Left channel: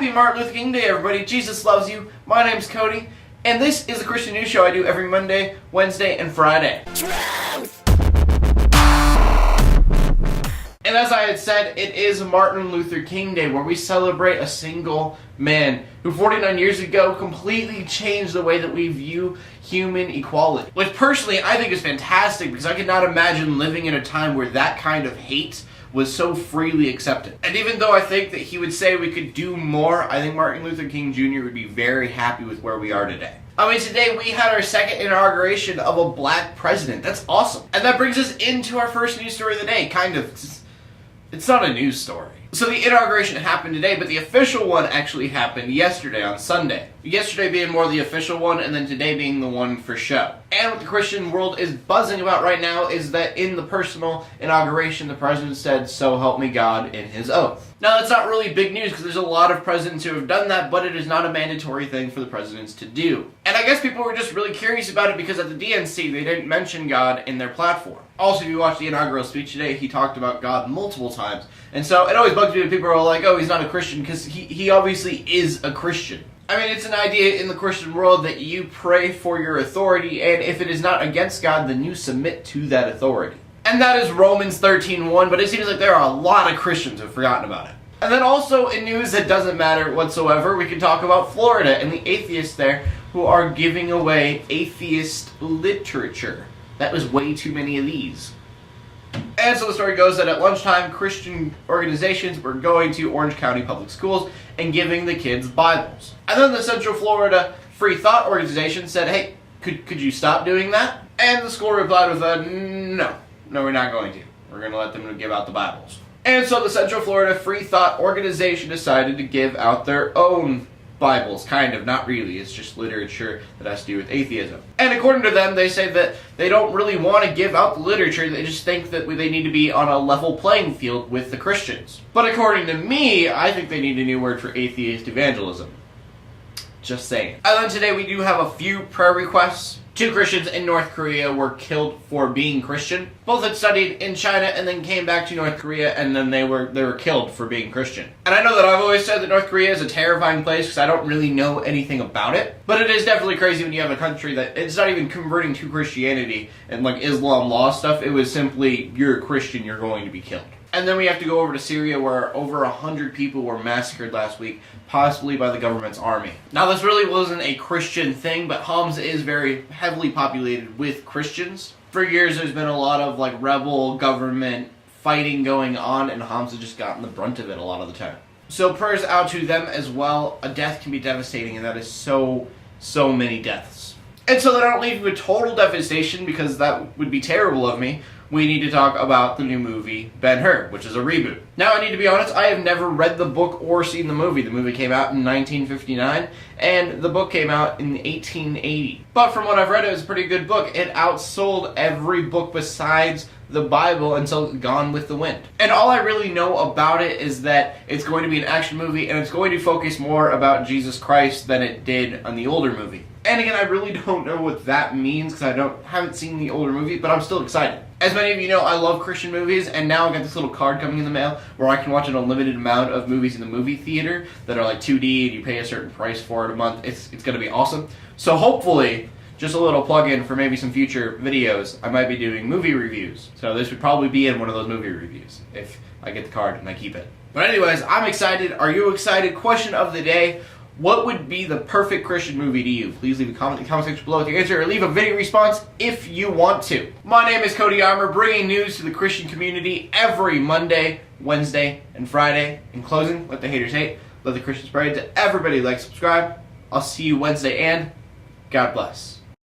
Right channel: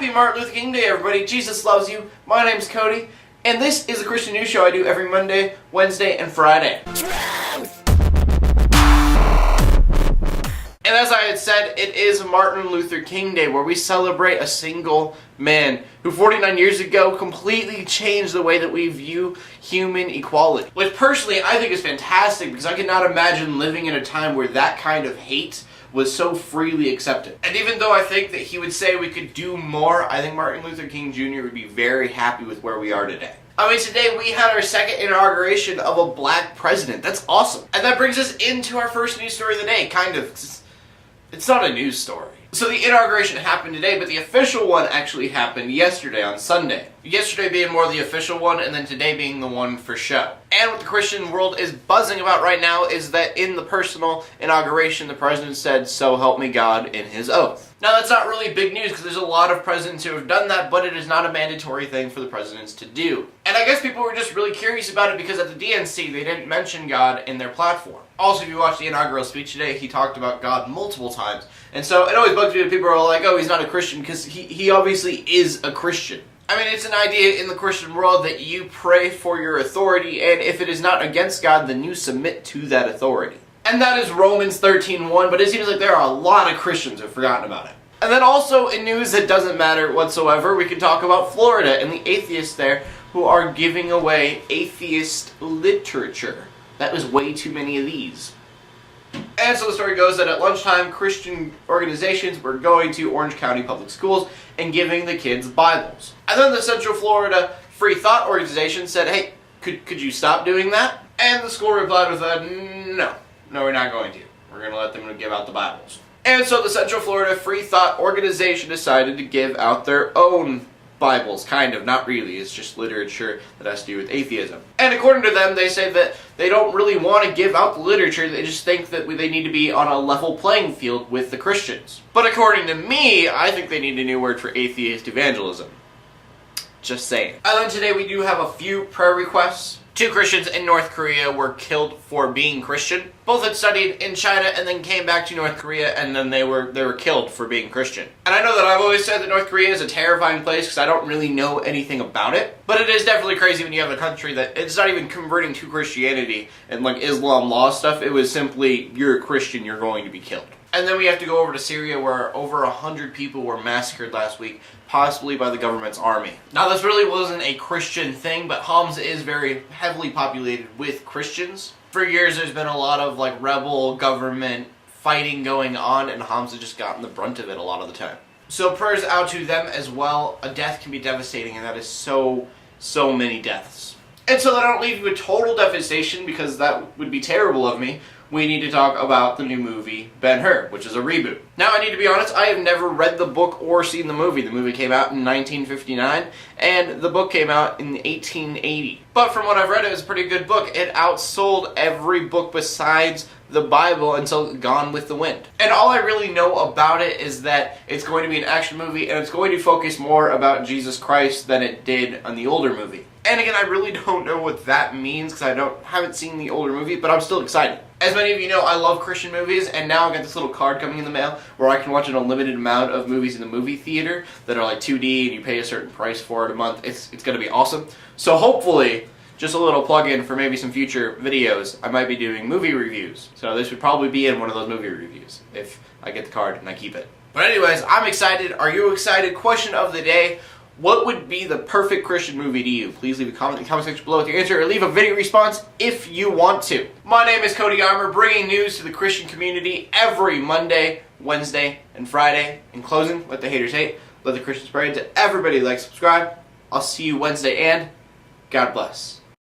Happy Martin Luther King Day, everybody. Jesus loves you. My name's Cody, and this is the Christian News Show I do every Monday, Wednesday, and Friday. Truth! And as I had said, it is Martin Luther King Day, where we celebrate a single man who 49 years ago completely changed the way that we view human equality. Which personally I think is fantastic, because I could not imagine living in a time where that kind of hate was so freely accepted. And even though I think that he would say we could do more, I think Martin Luther King Jr. would be very happy with where we are today. I mean, today we had our second inauguration of a black president. That's awesome. And that brings us into our first news story of the day, kind of. It's not a news story. So the inauguration happened today, but the official one actually happened yesterday on Sunday. Yesterday being more the official one, and then today being the one for show. And what the Christian world is buzzing about right now is that in the personal inauguration, the president said, "So help me God," in his oath. Now that's not really big news, because there's a lot of presidents who have done that, but it is not a mandatory thing for the presidents to do. And I guess people were just really curious about it because at the DNC, they didn't mention God in their platform. Also, if you watch the inaugural speech today, he talked about God multiple times. And so it always bugs me when people are like, oh, he's not a Christian, because he obviously is a Christian. I mean, it's an idea in the Christian world that you pray for your authority, and if it is not against God, then you submit to that authority. And that is Romans 13:1, but it seems like there are a lot of Christians who have forgotten about it. And then also, in news that doesn't matter whatsoever, we can talk about Florida and the atheists there who are giving away atheist literature. That was way too many of these. And so the story goes that at lunchtime, Christian organizations were going to Orange County Public Schools and giving the kids Bibles. And then the Central Florida Free Thought Organization said, hey, could you stop doing that? And the school replied with a, no, we're not going to. We're going to let them give out the Bibles. And so the Central Florida Free Thought Organization decided to give out their own Bibles, kind of, not really. It's just literature that has to do with atheism. And according to them, they say that they don't really want to give out the literature, they just think that they need to be on a level playing field with the Christians. But according to me, I think they need a new word for atheist evangelism. Just saying. And then today we do have a few prayer requests. 2 Christians in North Korea were killed for being Christian. Both had studied in China and then came back to North Korea, and then they were killed for being Christian. And I know that I've always said that North Korea is a terrifying place because I don't really know anything about it. But it is definitely crazy when you have a country that it's not even converting to Christianity and like Islam law stuff. It was simply, you're a Christian, you're going to be killed. And then we have to go over to Syria, where over 100 people were massacred last week, possibly by the government's army. Now, this really wasn't a Christian thing, but Homs is very heavily populated with Christians. For years, there's been a lot of like rebel government fighting going on, and Homs has just gotten the brunt of it a lot of the time. So prayers out to them as well. A death can be devastating, and that is so many deaths. And so that I don't leave you with total devastation, because that would be terrible of me, we need to talk about the new movie, Ben-Hur, which is a reboot. Now, I need to be honest, I have never read the book or seen the movie. The movie came out in 1959, and the book came out in 1880. But from what I've read, it was a pretty good book. It outsold every book besides the Bible until Gone with the Wind. And all I really know about it is that it's going to be an action movie, and it's going to focus more about Jesus Christ than it did on the older movie. And again, I really don't know what that means, because I haven't seen the older movie, but I'm still excited. As many of you know, I love Christian movies, and now I've got this little card coming in the mail where I can watch an unlimited amount of movies in the movie theater that are like 2D, and you pay a certain price for it a month. It's going to be awesome. So hopefully, just a little plug-in for maybe some future videos, I might be doing movie reviews. So this would probably be in one of those movie reviews if I get the card and I keep it. But anyways, I'm excited. Are you excited? Question of the day. What would be the perfect Christian movie to you? Please leave a comment in the comment section below with your answer, or leave a video response if you want to. My name is Cody Armour, bringing news to the Christian community every Monday, Wednesday, and Friday. In closing, let the haters hate, let the Christians pray. To everybody, like, subscribe. I'll see you Wednesday, and God bless.